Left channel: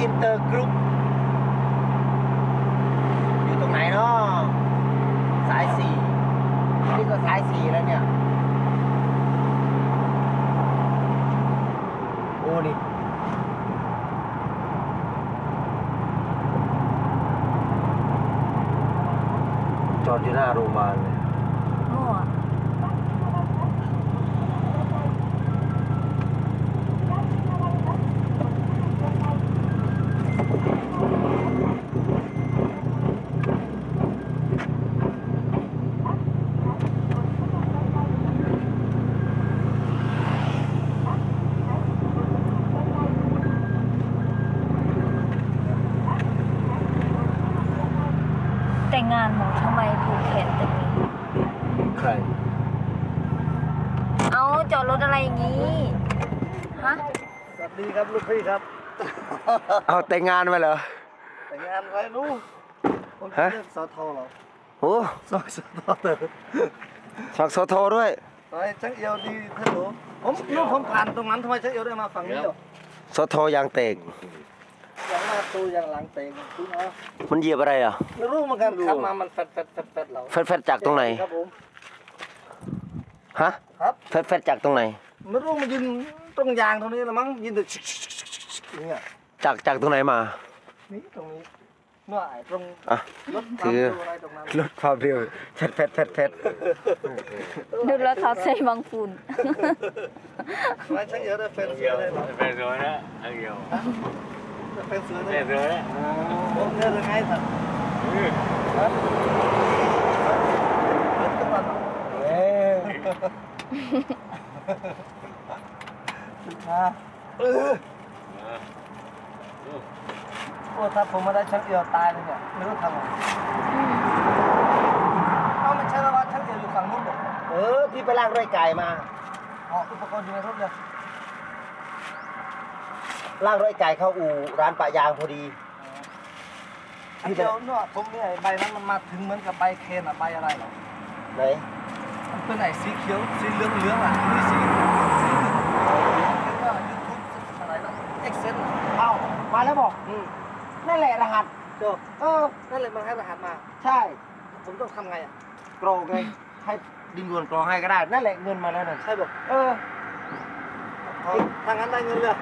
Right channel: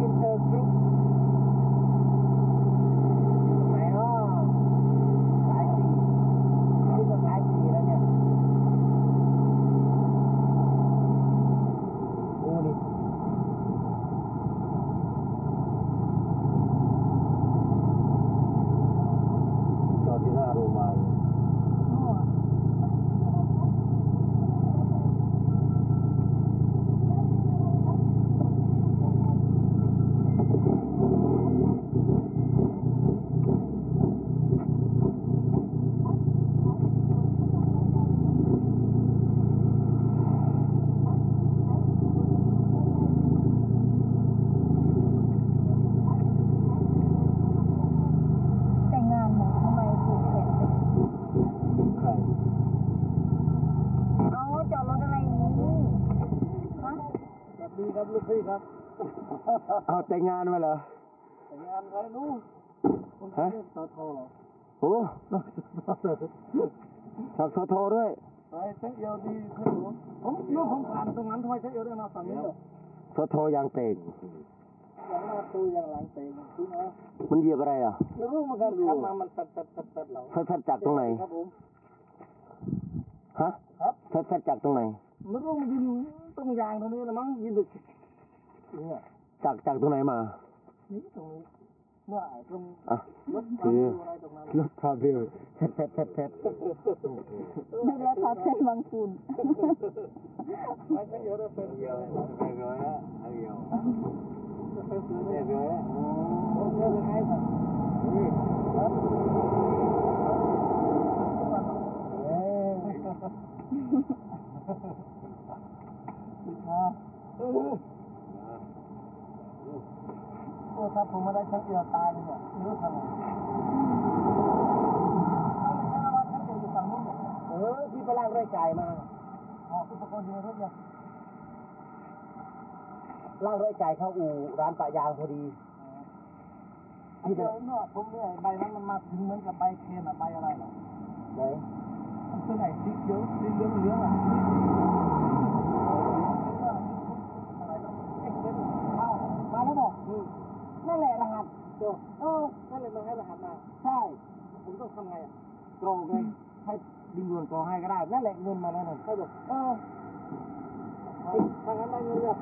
อินเตอร์กรุ๊ปอยู่ตรงไหนเนาะสายสี่นี่ก็สายสี่แล้วเนี่ย โอ้นี่จอดอยู่หน้าโรงพยาบาลเลย มั่ว แต่งงานหมูทำไมผูกแขนแต่นี้ ใคร เอาจอดรถอะไรอย่างนี้ ฮะ สวัส ดีครับลูกพี่ครับ เอาแต่งงานมาเหรอ แต่งงานไว้ลูกผมฮะเรียกสอทอเหรอโอ้สอสอทอเตอร์สักโซโทด้วยไอ้ช่างเอียวดีท่านหนูผมลูกผมผ่านตรงนั้นทำไมช่างเอียวได้มาฝั่งนี้เหรอโซโทยางเตกอย่างหน้าตูอย่างหลังเตงคุณเอามันเหยียบอะไรอะไม่รู้เหมือนกันขับมามันแฟดแฟดแฟดแฟดเราแฟดๆจากตรงไหน ครับผมฮะ ครับแฟดๆจากตรงไหน ไม่รู้มันยืนตรงยางตรงนี้ละมั้งยืนแต่ชิกชิกชิกชิกชิกอย่างเงี้ยจากจากตรงไหนมา นี่ตรงนี้เมื่อไอ้ตรงอะรถถือตามตัวอะไรตรงนั้นลดความเร็วแฟดแฟดแฟดแฟดดูแล้วเขาใส่บางฝุ่นไว้ช่างเอียวได้แฟนเสือได้เหรอ về rồi đó ăn nhiều ได้แฟนเสือได้ về rồi đó ผมเจอยังไงสัตว์ ừ. รถกระบะเอ้ ยมาเออโอ้ถ้าผมมาได้ชักเอียวตายเลยเนี่ยไม่รู้ทำไงเอาไม่ใช่แล้วว่าชักเอียวอยู่ฝั่งนู้นบอกเออ พี่ไปลากด้วยไก่มาอ๋ออุปกรณ์อยู่ในรถเลยลากด้วยไก่เข้าอู่ร้านปะยางพอดีชักเอียวเนาะผมเนี่ยใบนั้นมันมาถึงเหมือนกับใบเคนอะใบอะไรเหรอไหน มันเป็นไหนสีเขียวสีเหลืองเหลืองๆอะนี่สีสีเหลืองๆเป็นว่ายูทูบอะไรนะเอ็กเซนเอ้ามาแล้วบอกอืมนั่นแหละรหัสจบเออนั่นเลยมันให้รหัสมา ใช่ ผมต้องทำไงอะกรองไงให้ดินด่วนกรองให้ก็ได้ นั่นแหละเงินมาแล้วนั่นใช่บอกเออเอาถ้างั้นได้เงินเลย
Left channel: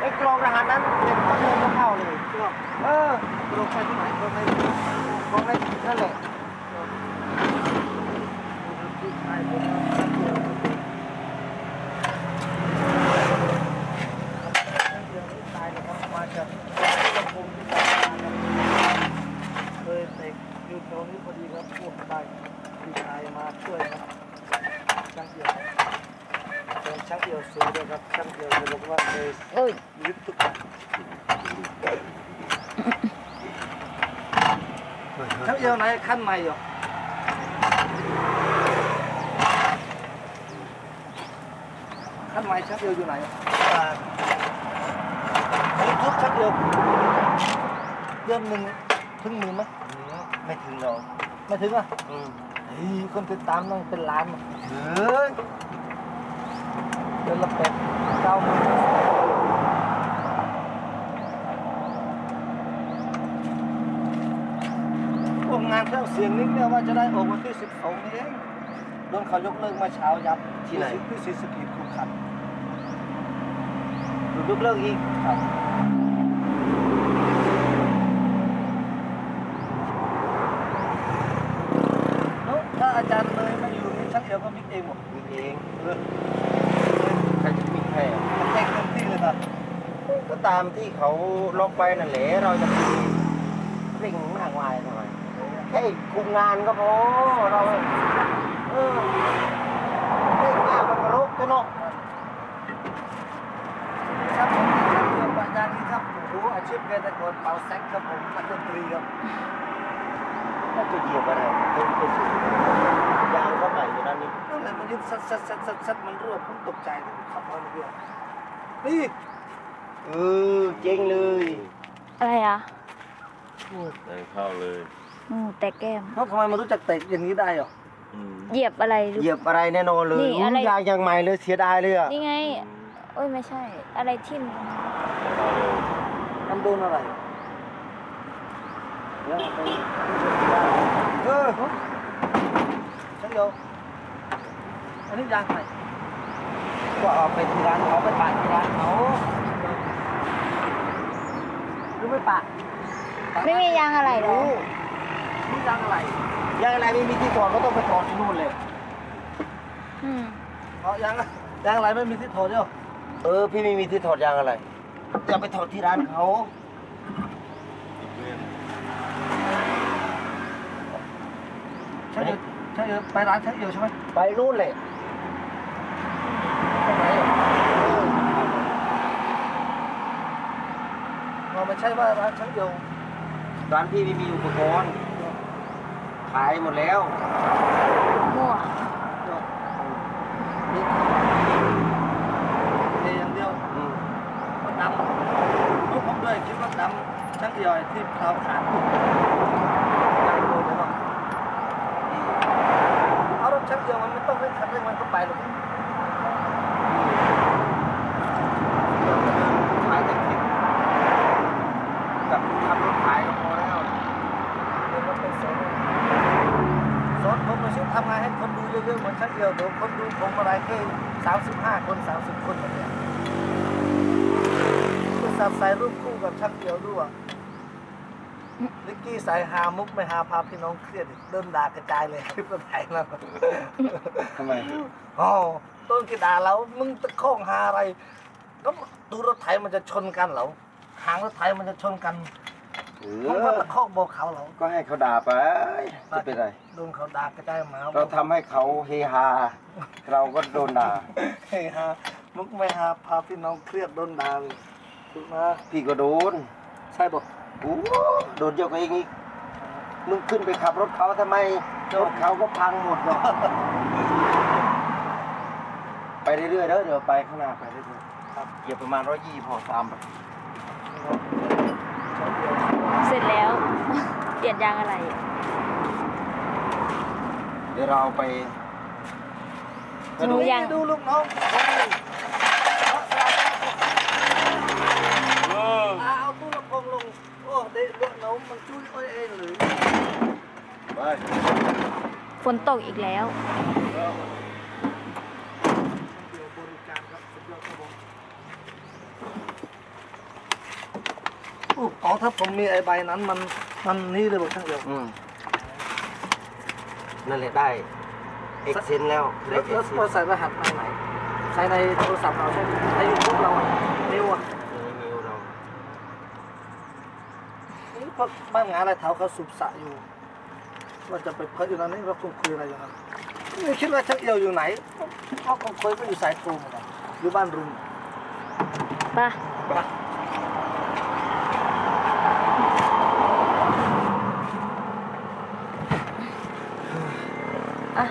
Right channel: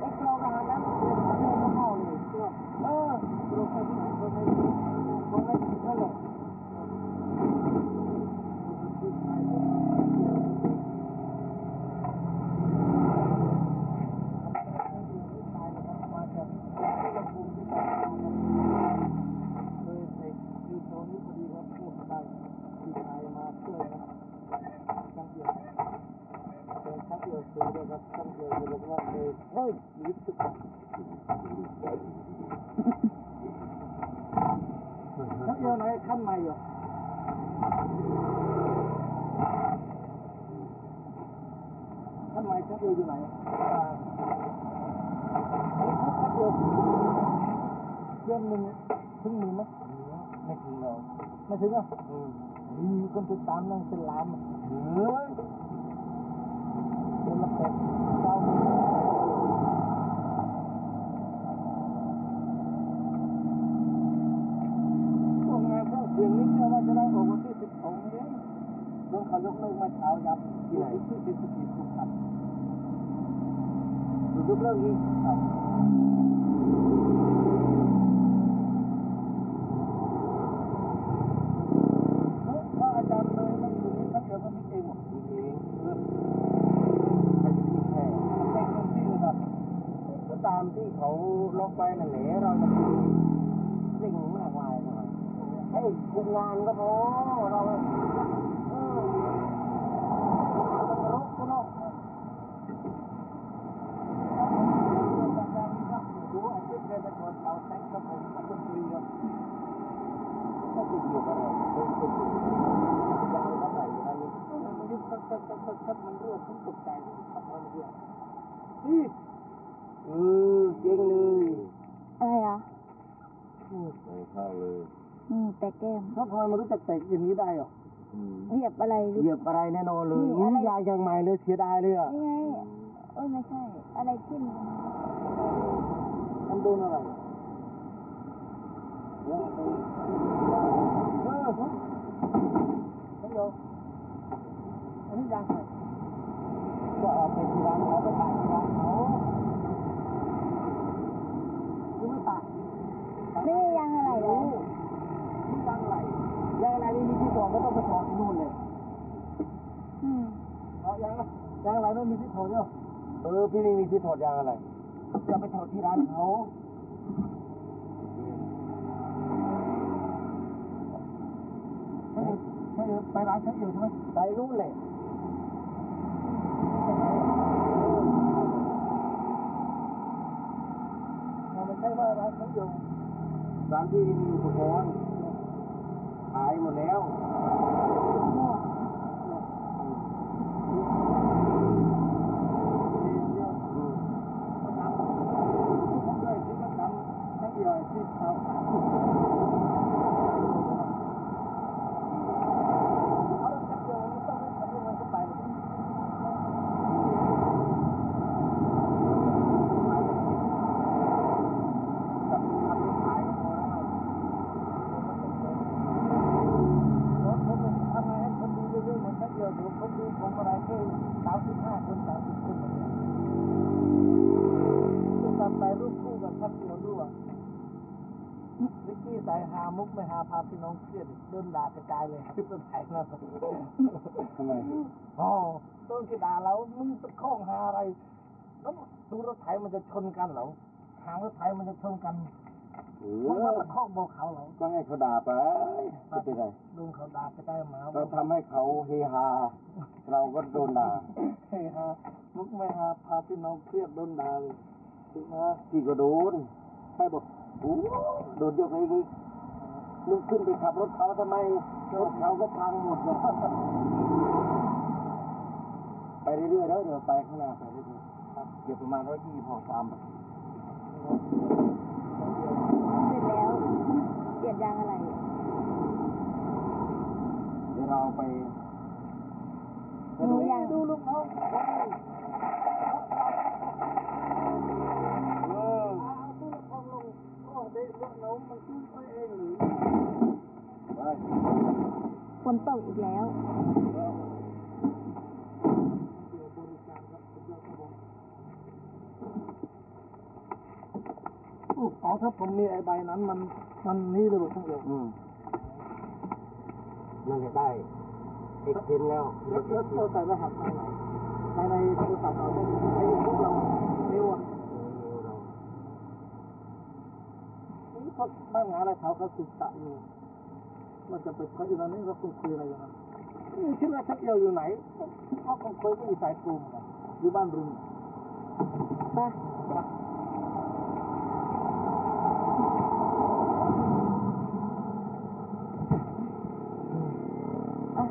ไอ้กรองรหัสนั้นเด็กก็เงินก็เข้าเลยก็เออตรงไปที่ไหนตรงไปกรองได้นั่นแหละ เคยเตะอยู่ตรงนี้พอดีครับพวกได้พี่ชายมาช่วยครับช่างเดียวเป็นช่างเดียวสวยด้วยครับช่างเดียวจะบอกว่าเคย เอ้ย ยึดทุกอย่างช่างเดียวไหนขั้นใหม่เหรอขั้นใหม่ช่างเดียวอยู่ไหนยึดทุกช่างเดียวเดือนหนึ่งถึงหมื่นไหมไม่ถึงหรอกไม่ถึงอะอืมเฮ้ยคนติดตามต้องเป็นล้านเฮ้ย เดือนละเป็ดเก้าหมื่นพวกงานเครื่องเสียงนี้เนี่ยว่าจะได้ออกวันที่สิบสองนี้เองโดนเขายกเลิกมาเช้ายับที่ศรีสะเกีคุมขันดูกยกเลิกอีกครับแล้วถ้าอาจารย์เลยมาอยู่นี่ชักเดียวก็มิกเองหมดมีเอง เออ ใครจะมีใครอะ มันเต็งเต็มที่เลยนะ ก็ ตามที่เขาล็อกไปนั่นแหละเราจะไปเร่งมากมายทำไมแค่คุมงานก็พอเราเออเร่งมากมันกระรกตัวเนาะครับผมเรื่องปัญญานี้ครับโอ้อาชีพเกษตรกรเป่าแซกครับผมนักดนตรีครับน่าจะเหยียบอะไรเดินไปสู่ยางก็ใหม่อยู่นั่นนี่นั่นแหละมันยึดซัดซัดซัดซัดซัดมันรั่วผมตกใจเลยขับมาเรื่อยนี่ เออเจ๊งเลยอะไรอะ Đây khao lời อืมแต่แก้มแล้วทำไมมันรู้จักเตะอย่างนี้ได้เหรอ ừ. เหยียบอะไรหรือเหยียบอะไรแน่นอนเลยนี่อะไร ยางยังใหม่เลยเสียดายเลยอะนี่ไงเอ้ยไม่ใช่ อะไรทิ่มเข้าเลยมันโดนอะไรเดี๋ยวไปเออช่างเดียวอันนี้ยางไหนก็เอาไปที่ร้านเขาไปปาดที่ร้านเขาห รือไม่ปะไม่มียางอะไรเหรอนี่ยางอะไรยังอะไรไม่มีที่ถอดก็ต้องไปถอดที่นู่นเลยอืมเอายางยางอะไรไม่มีที่ถอดเดียวเออพี่ไม่มีที่ถอดยางอะไรจะไปถอดที่ร้านเขาอีกเรื่องช่างเดียวช่างเดียวไปร้านช่างเดียวใช่ไหมไปนู่นเลย ตรงไหนเราไม่ใช่ว่าร้านช่างเดียวร้านพี่ไม่มีอุปกรณ์ขายหมดแล้วมั่วนี่เทอย่างเดียวอืมมันดำลูกผมด้วยคิดว่าดำช่างเดียวไอ้ที่เท้าขาดดำเลยเลยเนาะเอารถช่างเดียวมันไม่ต้องเร่งคันเร่งมันก็ไปหรอก ขายแต่คลิปกับขับรถขายก็พอแล้ว เดี๋ยวมันเป็นสอนสอนผมมาช่วยทำงานให้คนดู เยอะๆเหมือนช่างเดียวเดี๋ยวคนดูผมอะไรแค่สามสิบห้าคนสามสิบคนแบบเนี้ยก็สับใส่รูปคู่กับช่างเดียวด้วยนิกกี้ใส่หามุกไม่หาพาพี่น้องเครียดอีกเดินด่ากระจายเลยคลิปรถไถแล้วทำไมอ๋อต้นกีดาแล้วมึงตะโค้งหาอะไรก็ดูรถไถมันจะชนกันเหรอหางรถไถมันจะชนกัน เอมึงก็อ ตะโค้งบอกเขาเหรอก็ให้เขาด่าไปจะเป็นไร โดนเขาด่ากระจายหมาเราทำให้เขาเฮฮา เราก็โดนด่า เฮ้ยฮะมึงไม่หาพาพี่น้องเครียดโดนด่าเลยถูกนะพี่ก็โดนใช่บอกโอ้โดนเยอะกว่าเองอีกมึงขึ้นไปขับรถเขาทำไมรถเขาก็พังหมดหรอกไปเรื่อยๆเด้อเดี๋ยวไปข้างหน้าไปเรื่อยๆครับเหยียบประมาณร้อยยี่พอตามไปเสร็จแล้ว เปลี่ยนยางอะไร เดี๋ยวเราเอาไปหนูยัง ดูลูกน้องเออเอาตู้ลำโพงลง โอ้เด็กลูกน้องมันจุ้ยอ้อยเองหรือไปฝนตกอีกแล้วเดี๋ยวบริการครับสุดยอดครับผมอู้อ๋อถ้าผมมีไอ้ใบนั้นมัน มันนี่เลยบอกช่างเดียวอืมนั่นแหละได้เอ็กเซนแล้วแล้วแล้วเราใส่รหัสทางไหนใส่ในโทรศัพท์เราใช่ไหมในยูทูบเราอะนิ้วอะนิ้วเรานี่พวกบ้านงานอะไรเท้าเขาสูบสระอยู่ว่าจะไปเพิ่อยู่นั้นนี่เราคงคุยอะไรอยู่นั้นนี่คิดว่าช่างเอียวอยู่ไหนเขาคงคุยก็อยู่สายตรงเหมือนกันอยู่บ้านรุม ป่ะอะ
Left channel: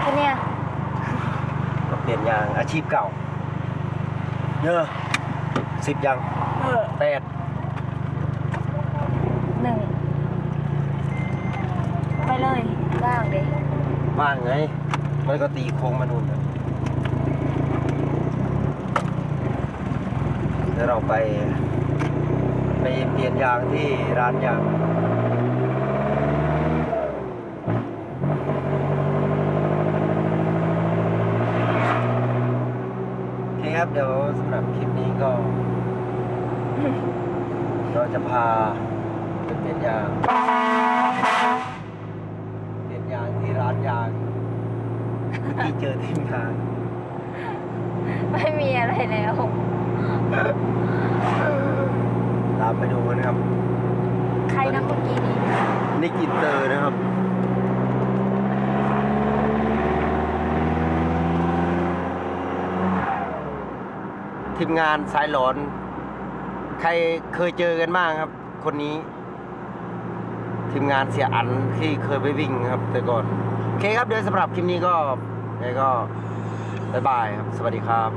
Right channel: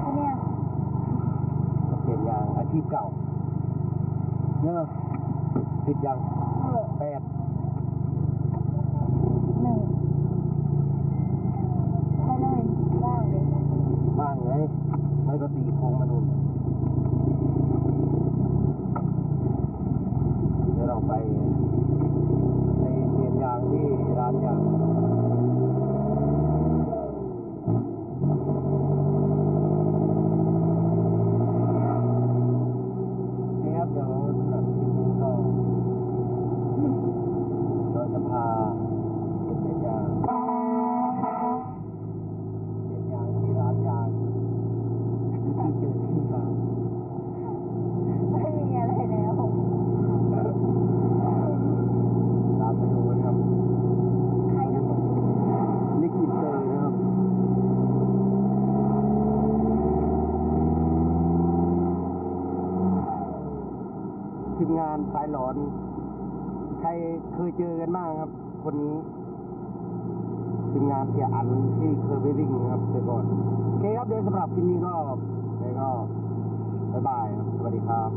แค่เนี้ย ก็เปลี่ยนยางอา ชีพเก่าเยอะสิบยังเออแปดหนึ่งไปเลยว่างเด็บ้างไงมันก็ตีโค้งมานู่นน่ะเดี๋ยวเราไป ไปเปลี่ยนยางที่ร้านยาง โอเคครับ เดี๋ยวสำหรับคลิปนี้ก็ เรา จะพาไปเปลี่ยนยาง เปลี่ยนยางที่ร้านยางที่เจอทีมงานไม่มีอะไรแล้ว ตามไปดูกันนะครับ ใครนะเมื่อกี้นี้นิกอินเตอร์นะครับทีมงานสายหลอน ใครเคยเจอกันบ้างครับ คนนี้ ทีมงานเสียอันที่เคยไปวิ่งครับ แต่ก่อนโอเคครับเดี๋ยวสำหรับคลิปนี้ก็ไงก็บายบายครับ สวัสดีครับ